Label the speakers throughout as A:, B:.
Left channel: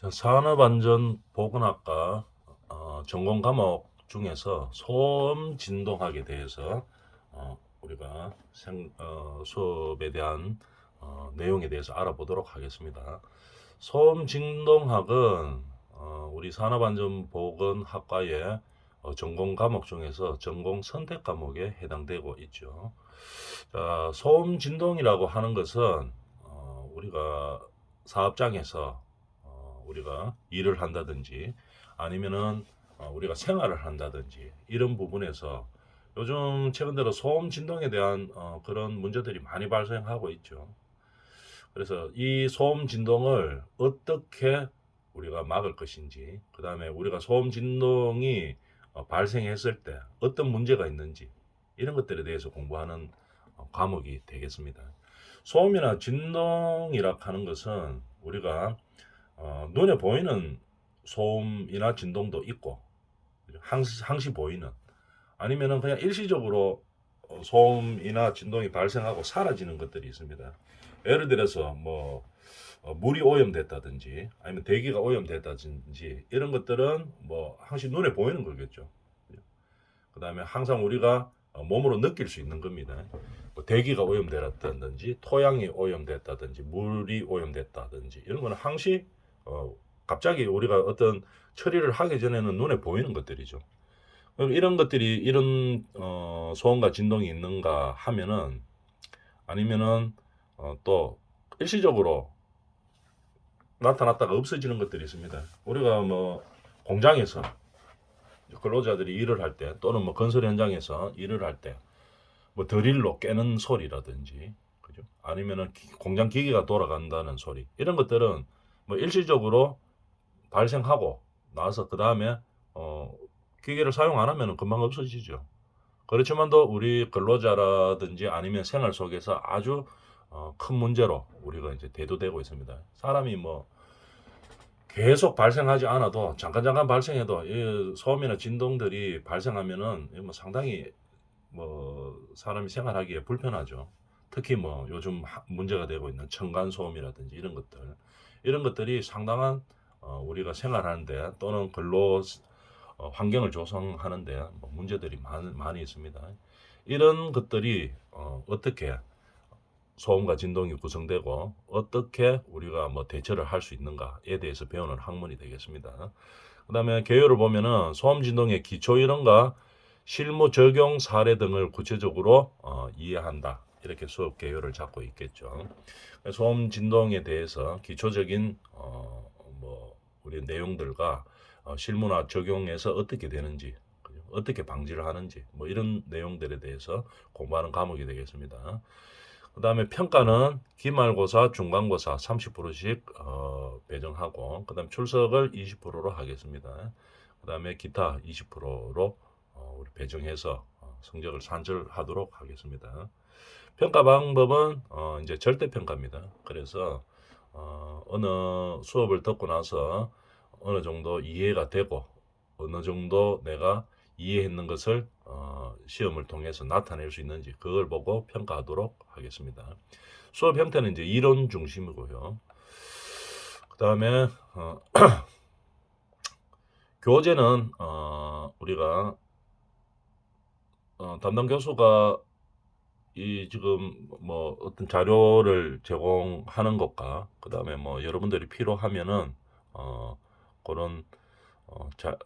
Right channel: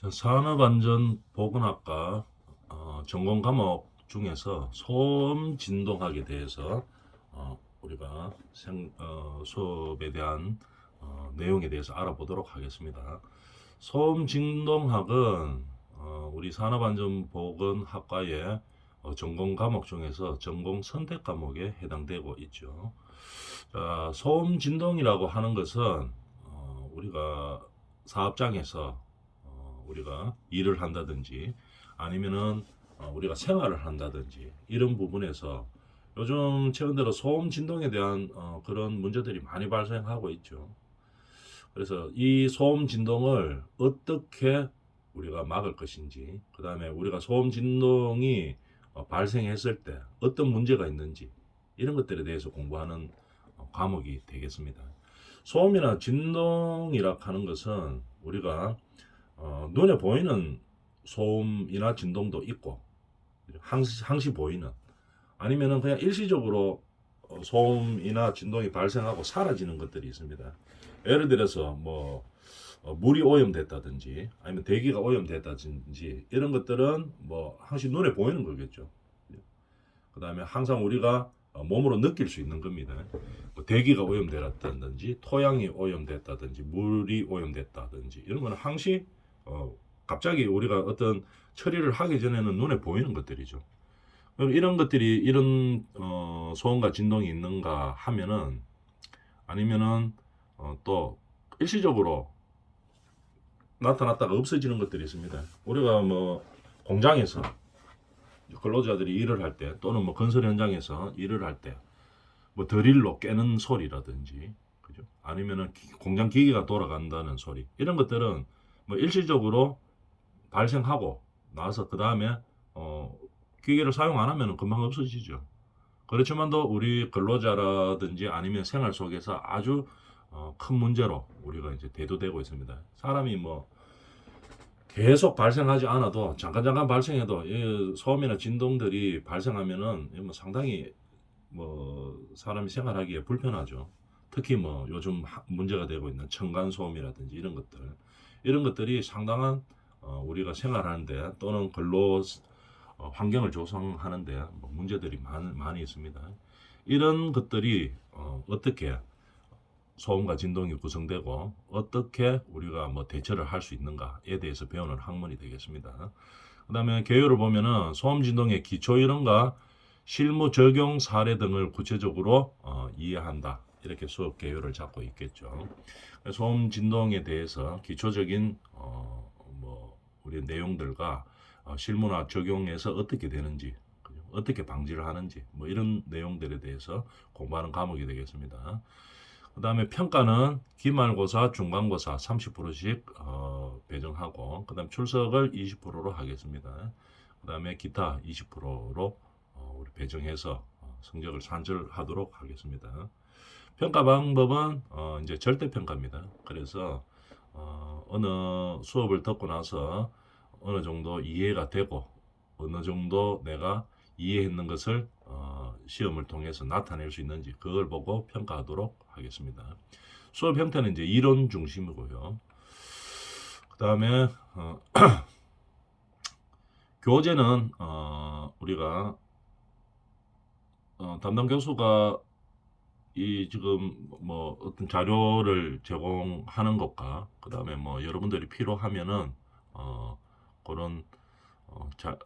A: 자, 산업안전보건학과 어, 전공 과목 중에서 소음 진동학에 대해서 어, 우리가 생, 어, 수업에 대한 어, 내용에 대해서 알아보도록 하겠습니다. 소음 진동학은 어, 우리 산업안전보건학과의 어, 전공 과목 중에서 전공 선택 과목에 해당되고 있죠. 자, 소음 진동이라고 하는 것은 어, 우리가 사업장에서 어, 우리가 일을 한다든지 아니면은 어, 우리가 생활을 한다든지 이런 부분에서 요즘 최근 들어 소음 진동에 대한 어, 그런 문제들이 많이 발생하고 있죠. 그래서 이 소음 진동을 어떻게 우리가 막을 것인지, 그 다음에 우리가 소음 진동이 어, 발생했을 때 어떤 문제가 있는지 이런 것들에 대해서 공부하는 어, 과목이 되겠습니다. 소음이나 진동이라 하는 것은 우리가 어, 눈에 보이는 소음이나 진동도 있고 항시, 항시 보이는 아니면은 그냥 일시적으로 어, 소음이나 진동이 발생하고 사라지는 것들이 있습니다. 예를 들어서 뭐 어, 물이 오염됐다든지 아니면 대기가 오염됐다든지 이런 것들은 뭐 항시 눈에 보이는 거겠죠. 그 다음에 항상 우리가 어, 몸으로 느낄 수 있는 겁니다. 뭐 대기가 오염됐다든지 토양이 오염됐다든지 물이 오염됐다든지 이런 거는 항시 어, 갑자기 우리가 어떤 처리를 하기 전에는 눈에 보이는 것들이죠. 이런 것들이 이런 어, 소음과 진동이 있는가 하면은 아니면은 어, 또 일시적으로 나타났다가 없어지는 것들이 있습니다. 우리가 뭐 공장에서 근로자들이 일을 할 때 또는 뭐 건설 현장에서 일을 할 때 뭐 드릴로 깨는 소리라든지 그죠? 아니면은 기- 공장 기계가 돌아간다는 소리 이런 것들은 뭐 일시적으로 발생하고 나서 그 다음에 어 기계를 사용 안 하면 금방 없어지죠. 그렇지만도 우리 근로자라든지 아니면 생활 속에서 아주 어, 큰 문제로 우리가 이제 대두되고 있습니다. 사람이 뭐 계속 발생하지 않아도 잠깐 잠깐 발생해도 이 소음이나 진동들이 발생하면은 이뭐 상당히 뭐 사람이 생활하기에 불편하죠. 특히 뭐 요즘 하- 문제가 되고 있는 층간 소음이라든지 이런 것들 이런 것들이 상당한 어, 우리가 생활하는데 또는 근로 어, 환경을 조성하는데 뭐 문제들이 많, 많이 있습니다. 이런 것들이 어, 어떻게 소음과 진동이 구성되고 어떻게 우리가 뭐 대처를 할 수 있는가에 대해서 배우는 학문이 되겠습니다. 그 다음에 개요를 보면은 소음 진동의 기초 이론과 실무 적용 사례 등을 구체적으로 어, 이해한다. 이렇게 수업 개요를 잡고 있겠죠. 소음 진동에 대해서 기초적인 어, 뭐 우리 내용들과 어, 실무나 적용해서 어떻게 되는지? 어떻게 방지를 하는지 뭐 이런 내용들에 대해서 공부하는 과목이 되겠습니다. 그 다음에 평가는 기말고사, 중간고사 30%씩 어, 배정하고 그 다음에 출석을 20%로 하겠습니다. 그 다음에 기타 20%로 어, 우리 배정해서 어, 성적을 산출하도록 하겠습니다. 평가 방법은 어, 이제 절대 평가입니다. 그래서 어, 어느 수업을 듣고 나서 어느 정도 이해가 되고 어느 정도 내가 이해했는 것을 어, 시험을 통해서 나타낼 수 있는지 그걸 보고 평가하도록 하겠습니다. 수업 형태는 이제 이론 중심이고요. 그 다음에 어, 교재는 어, 우리가 어, 담당 교수가 이 지금 뭐 어떤 자료를 제공하는 것과 그 다음에 뭐 여러분들이 필요하면은 어, 그런 어, 자,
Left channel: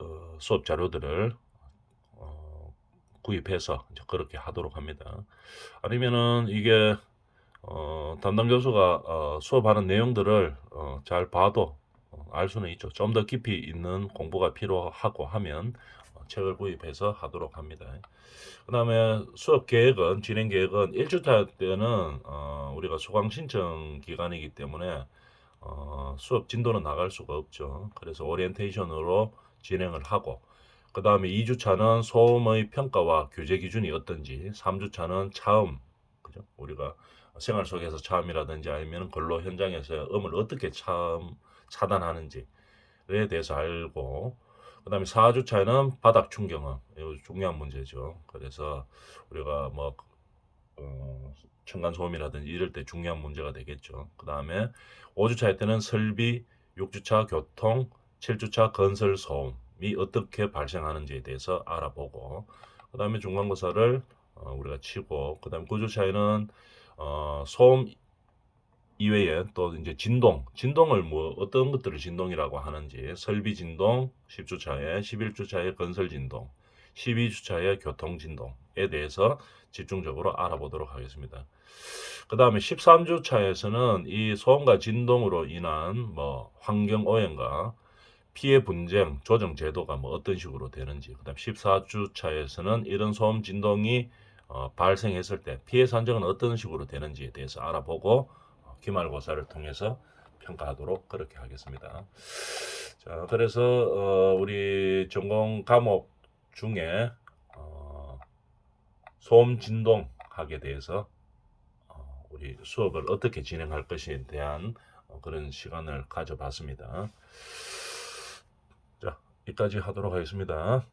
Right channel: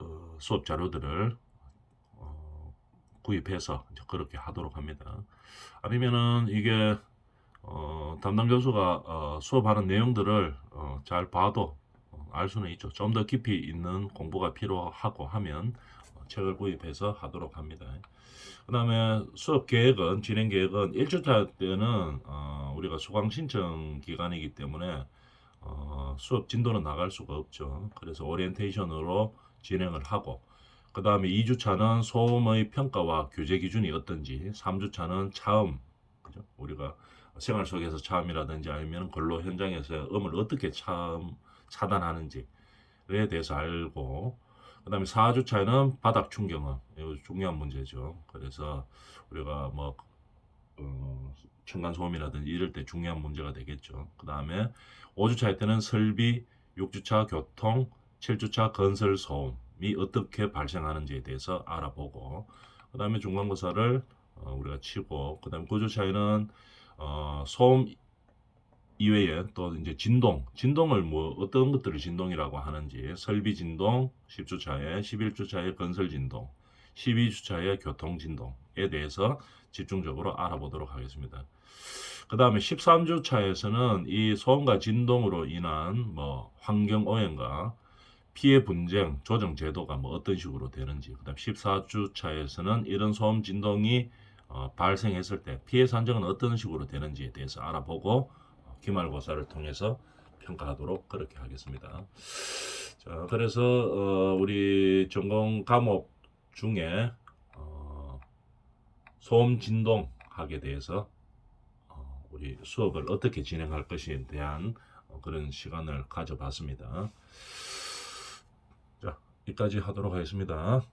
A: 어, 수업 자료들을 어, 구입해서 이제 그렇게 하도록 합니다. 아니면은 이게 어, 담당 교수가 어, 수업하는 내용들을 어, 잘 봐도 어, 알 수는 있죠. 좀 더 깊이 있는 공부가 필요하고 하면 어, 책을 구입해서 하도록 합니다. 그 다음에 수업 계획은, 진행 계획은 1주차 때는 어, 우리가 수강 신청 기간이기 때문에 어, 수업 진도는 나갈 수가 없죠. 그래서 오리엔테이션으로 진행을 하고 그 다음에 2주차는 소음의 평가와 규제 기준이 어떤지 3주차는 차음 그죠? 우리가 생활 속에서 차음이라든지 아니면 근로 현장에서 음을 어떻게 차음 차단하는지에 대해서 알고 그 다음에 4주차에는 바닥 충격음 이거 중요한 문제죠. 그래서 우리가 뭐 어, 층간 소음이라든지 이럴 때 중요한 문제가 되겠죠. 그 다음에 5주차 때는 설비 6주차 교통, 7주차 건설 소음이 어떻게 발생하는지에 대해서 알아보고 그 다음에 중간고사를 어, 우리가 치고 그 다음에 9주차에는 어, 소음 이외에 또 이제 진동, 진동을 뭐 어떤 것들을 진동이라고 하는지 설비 진동, 10주차에 11주차에 건설 진동, 12주차에 교통 진동에 대해서 집중적으로 알아보도록 하겠습니다. 그 다음에 13주차에서는 이 소음과 진동으로 인한 뭐 환경 오염과 피해 분쟁 조정 제도가 뭐 어떤 식으로 되는지 그다음 14주차에서는 이런 소음 진동이 어, 발생했을 때 피해 산정은 어떤 식으로 되는지에 대해서 알아보고 어, 기말고사를 통해서 평가하도록 그렇게 하겠습니다. 자, 그래서 어, 우리 전공 과목 중에 어, 소음 진동학에 대해서 어, 우리 수업을 어떻게 진행할 것에 대한 어, 그런 시간을 가져봤습니다. 자, 여기까지 하도록 하겠습니다.